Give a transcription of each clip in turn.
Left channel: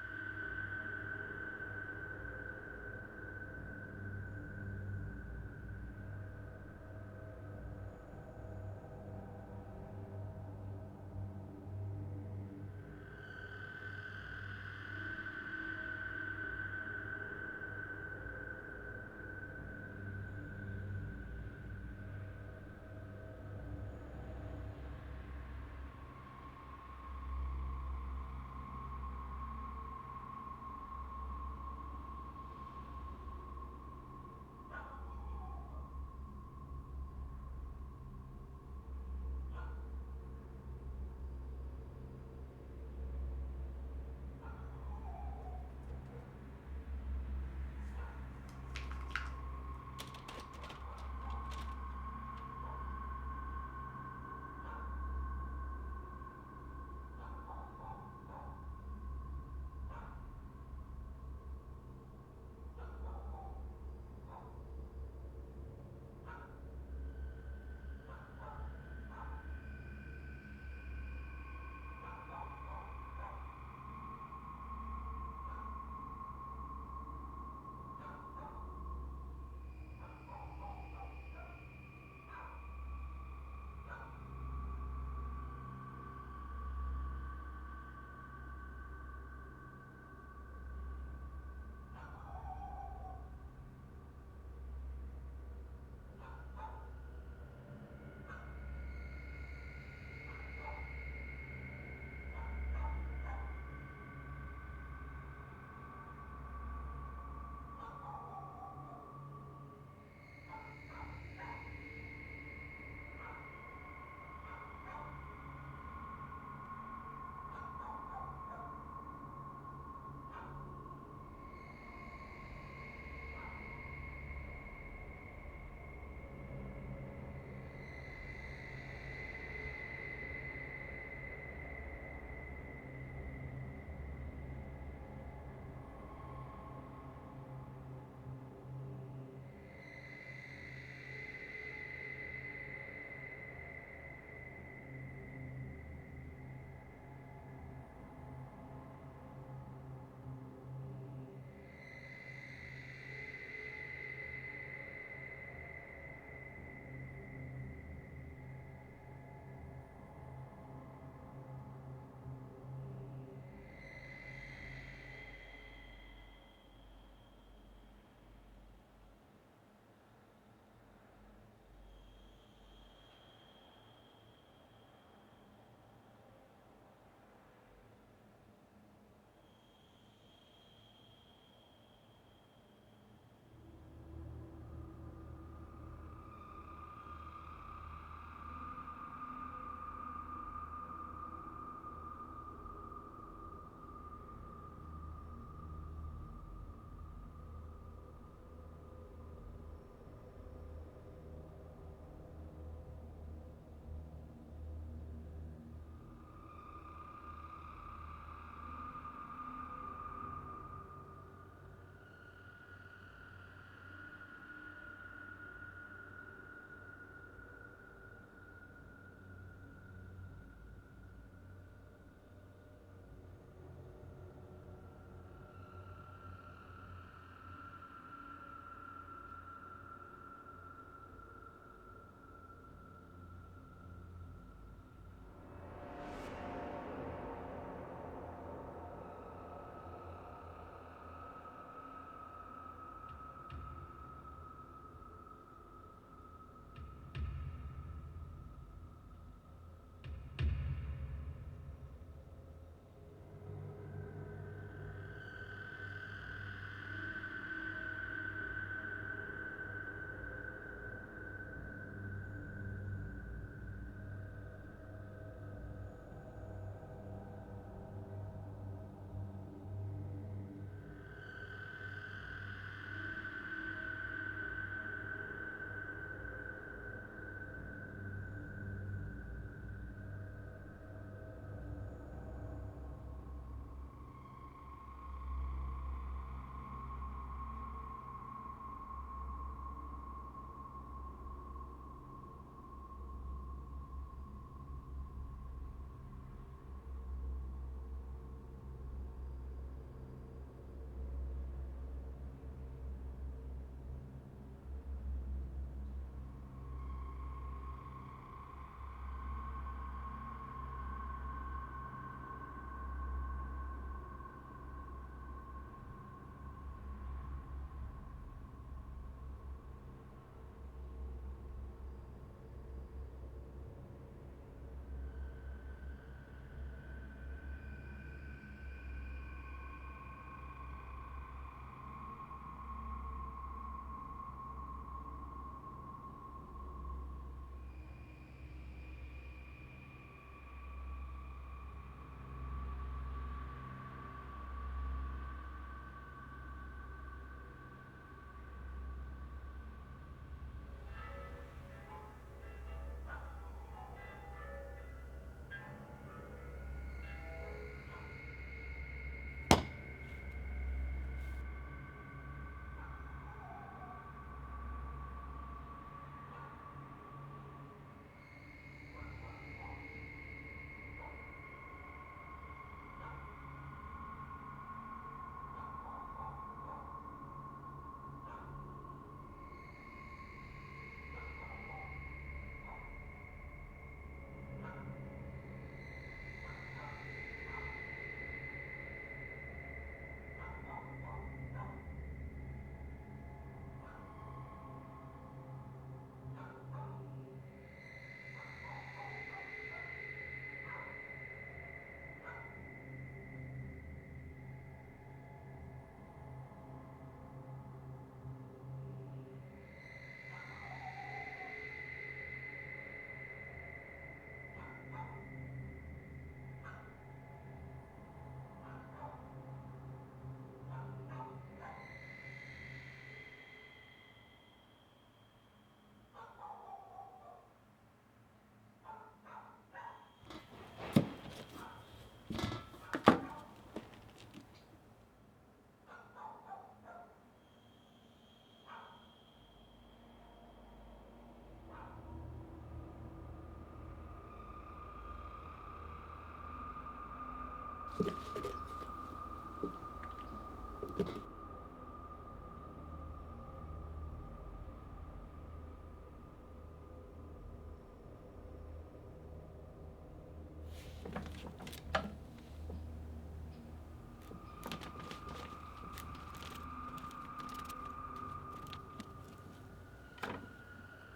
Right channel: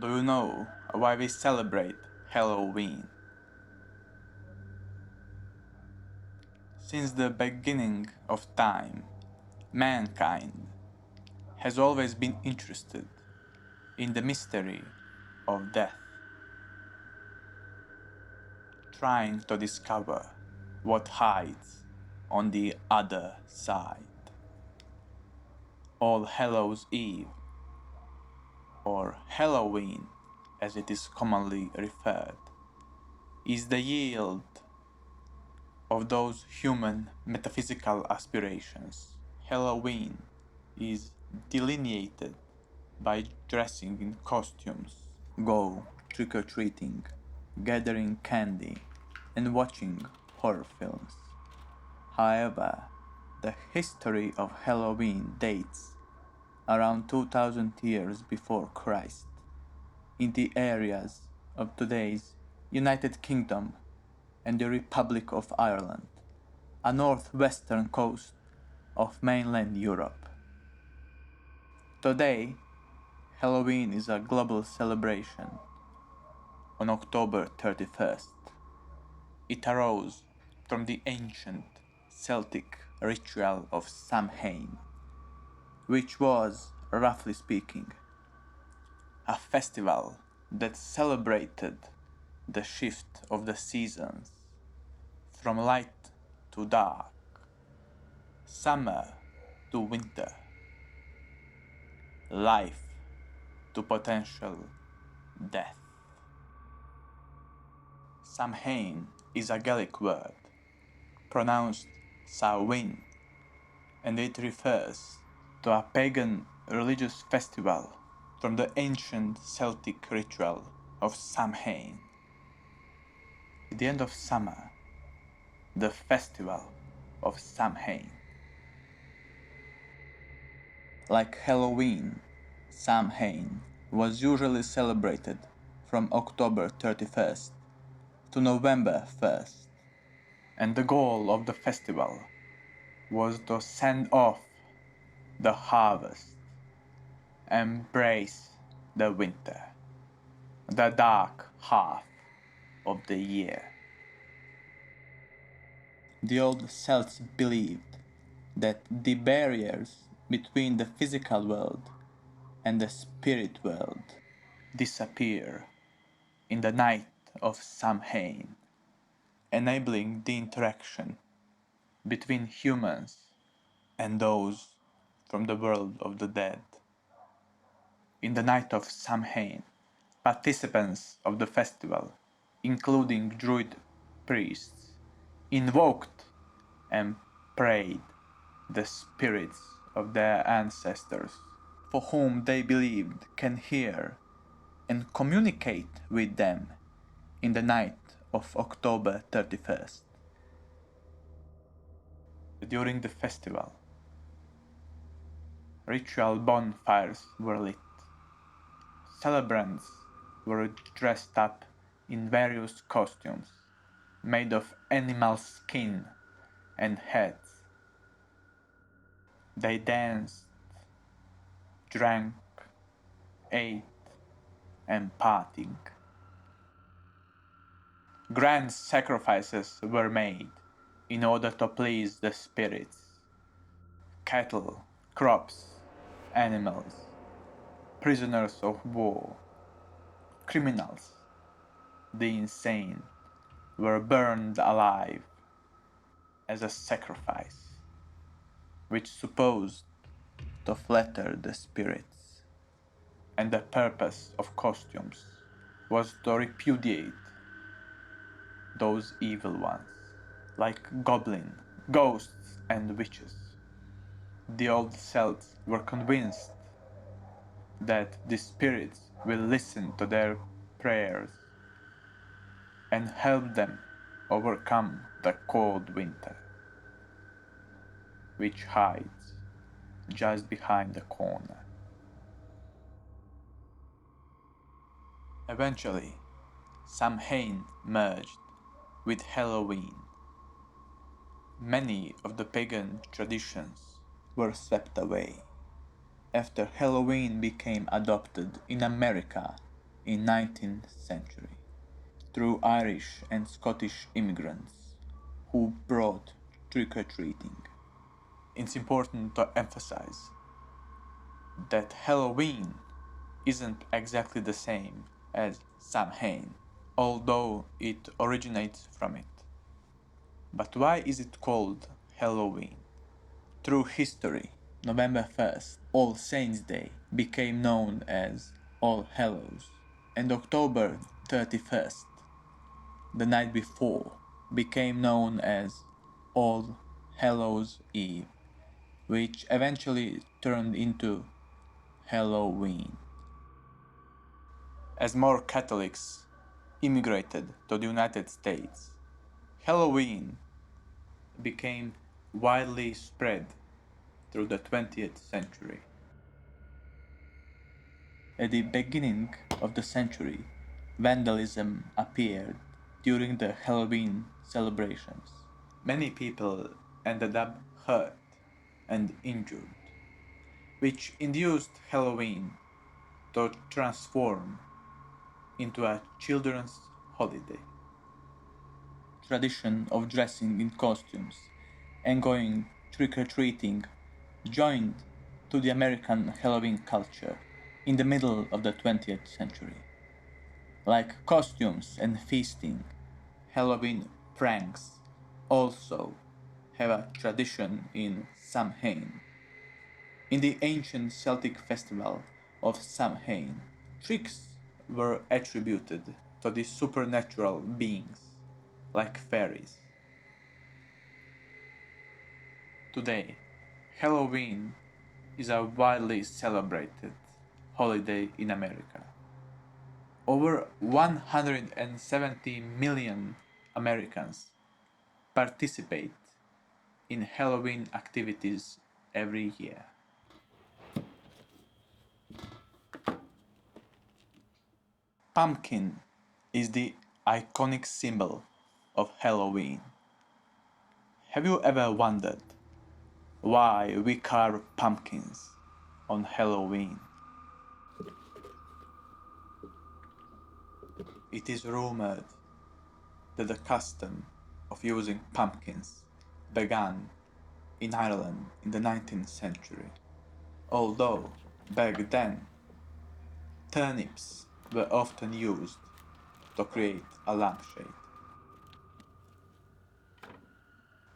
Do you know why we celebrate Halloween? Since the beginning of time, mankind has always been interested in the mystery of death, trying to discover what hides on the other side. All Hallows Eve, or Halloween as it is commonly referred, is the yield of those human metaphysical aspirations. Halloween is delineated by dressing in costumes, go trick-or-treating, gathering candy, and watching horror films. However, the history of Halloween dates around 2000 years before Christ in the areas of today's United Kingdom and the Republic of Ireland, a northwestern coast of mainland Europe. Today, Halloween is a global celebration. On October 31st, it arose from the ancient Celtic ritual of Samhain, which was, roughly speaking, a festival that celebrated the shift of the seasons from light to dark, summer to winter, life to potential death. Samhain is a Gaelic word, pronounced Samhain, and it refers to a pagan religious festival from the ancient Celtic ritual of Samhain. At the end of summer, the festival of Samhain. Like Halloween, Samhain was usually celebrated from October 31st to November 1st, and the goal of the festival was to send off the harvest, embrace the winter, the dark half of the year. The old Celts believed that the barriers between the physical world and the spirit world disappear in the night of Samhain, enabling the interaction between humans and those from the world of the dead. In the night of Samhain, participants of the festival, including druid priests, invoked and prayed the spirits of their ancestors, for whom they believed can hear and communicate with them in the night of October 31st. During the festival, ritual bonfires were lit. Celebrants were dressed up in various costumes made of animal skin and heads. They danced, drank, ate, and partied. Grand sacrifices were made in order to please the spirits. Cattle, crops, animals, prisoners of war, criminals, the insane, were burned alive as a sacrifice, which supposed to flatter the spirits. And the purpose of costumes was to repudiate those evil ones, like goblins, ghosts, and witches. The old Celts were convinced that the spirits will listen to their prayers and help them overcome the cold winter, which hides just behind the corner. Eventually, Samhain merged with Halloween. Many of the pagan traditions were swept away, after Halloween became adopted in America in 19th century through Irish and Scottish immigrants who brought trick-or-treating. It's important to emphasize that Halloween isn't exactly the same as Samhain, although it originates from it. But why is it called Halloween? Through history, November 1st, All Saints' Day, became known as All Hallows, and October 31st, the night before, became known as All Hallows' Eve, which eventually turned into Halloween. As more Catholics immigrated to the United States, Halloween became widely spread through the 20th century. At the beginning of the century, vandalism appeared during the Halloween celebrations. Many people ended up hurt and injured, which induced Halloween to transform into a children's holiday. Tradition of dressing in costumes and going trick-or-treating joined to the American Halloween culture in the middle of the 20th century. Like costumes and feasting, Halloween pranks also have a tradition in Samhain. In the ancient Celtic festival of Samhain, tricks were attributed to the supernatural beings, like fairies. Today, Halloween is a widely celebrated holiday in America. Over 170 million Americans participate in Halloween activities every year. Pumpkin is the iconic symbol of Halloween. Have you ever wondered why we carve pumpkins on Halloween? It is rumored that the custom of using pumpkins began in Ireland in the 19th century, although back then turnips were often used to create a lampshade.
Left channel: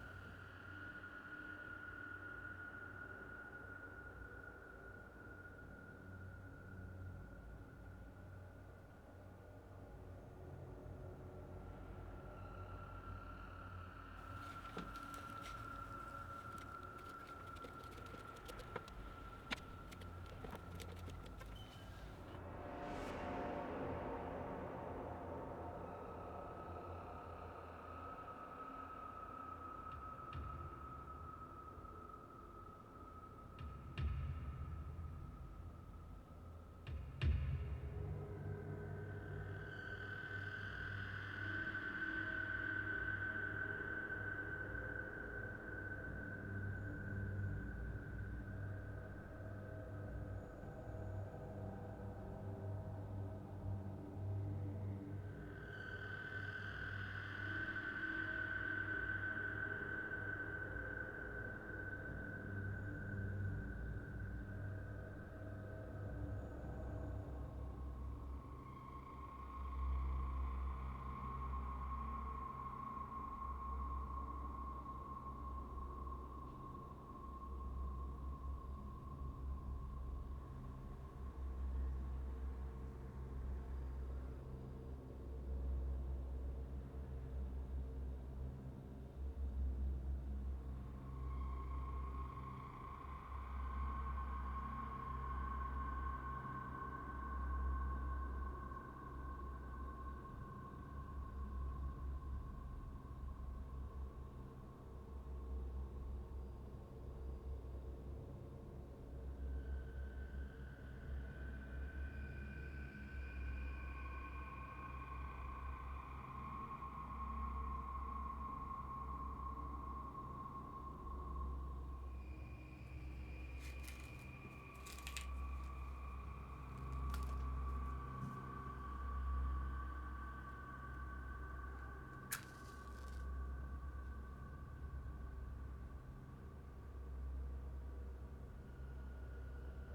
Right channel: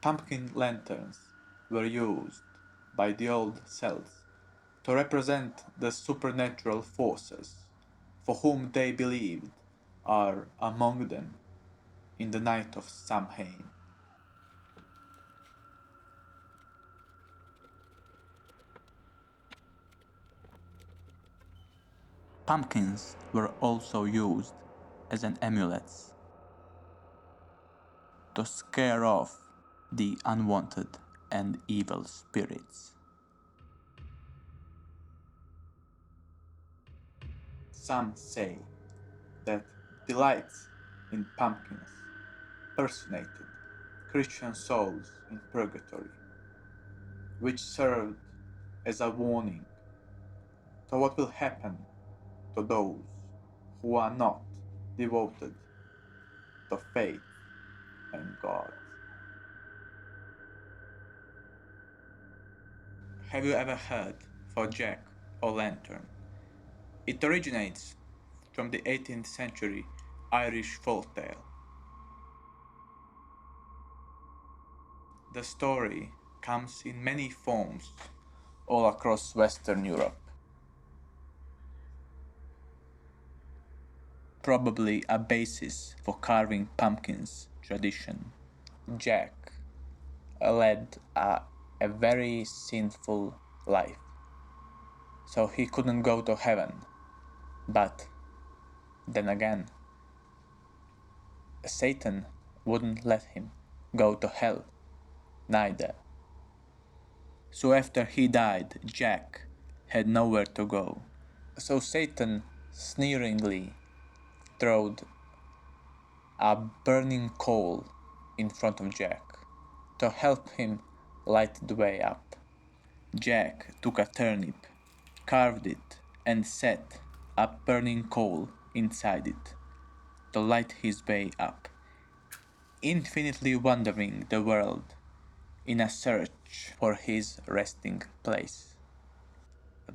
Pumpkin lanterns were used by the old Celts to represent the supernatural forces for whom they believed are among them in the night of Samhain. Pumpkins were also used as an amulets to scare off the unwanted and evil spirits. Some say that the lights in pumpkins personated Christian souls in purgatory, which served as a warning to what will happen to those who are not devoted to faith and God. Have you ever heard of Jack o' Lantern? It originates from the 18th century Irish folktale. The story comes in many forms all across Western Europe. Probably a basis for carving pumpkins tradition. Jack led a very sinful life, so he couldn't go to heaven. But then again, Satan wouldn't let him go to hell neither. So after he died, Jack had nowhere to go. So Satan sneeringly threw a burning coal in front of Jack to help him light the way up. Jack took a turnip carved it, and set a burning coal inside it to light his way up, infinitely wandering the world in a search for his resting place.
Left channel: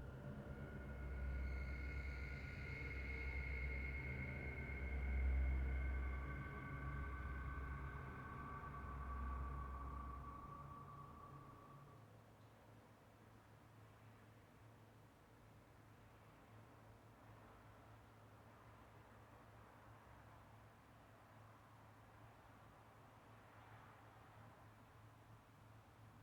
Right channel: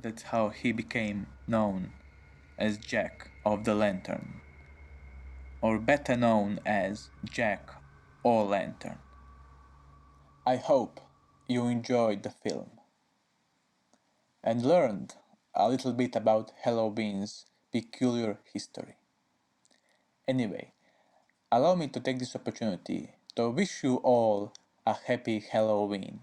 That's how he became known as Jack of the Lantern, or better known as Jack O'Lantern. I hope you enjoyed the film and learned a little bit about Halloween's peculiar history. Anyway, allow me to take this opportunity to wish you all a happy Halloween.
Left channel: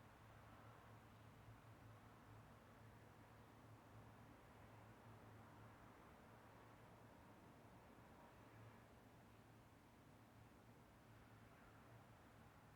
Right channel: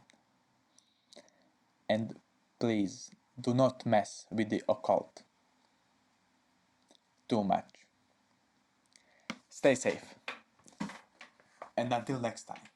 And please do not mess with the occult too much. Stay safe. And until next time.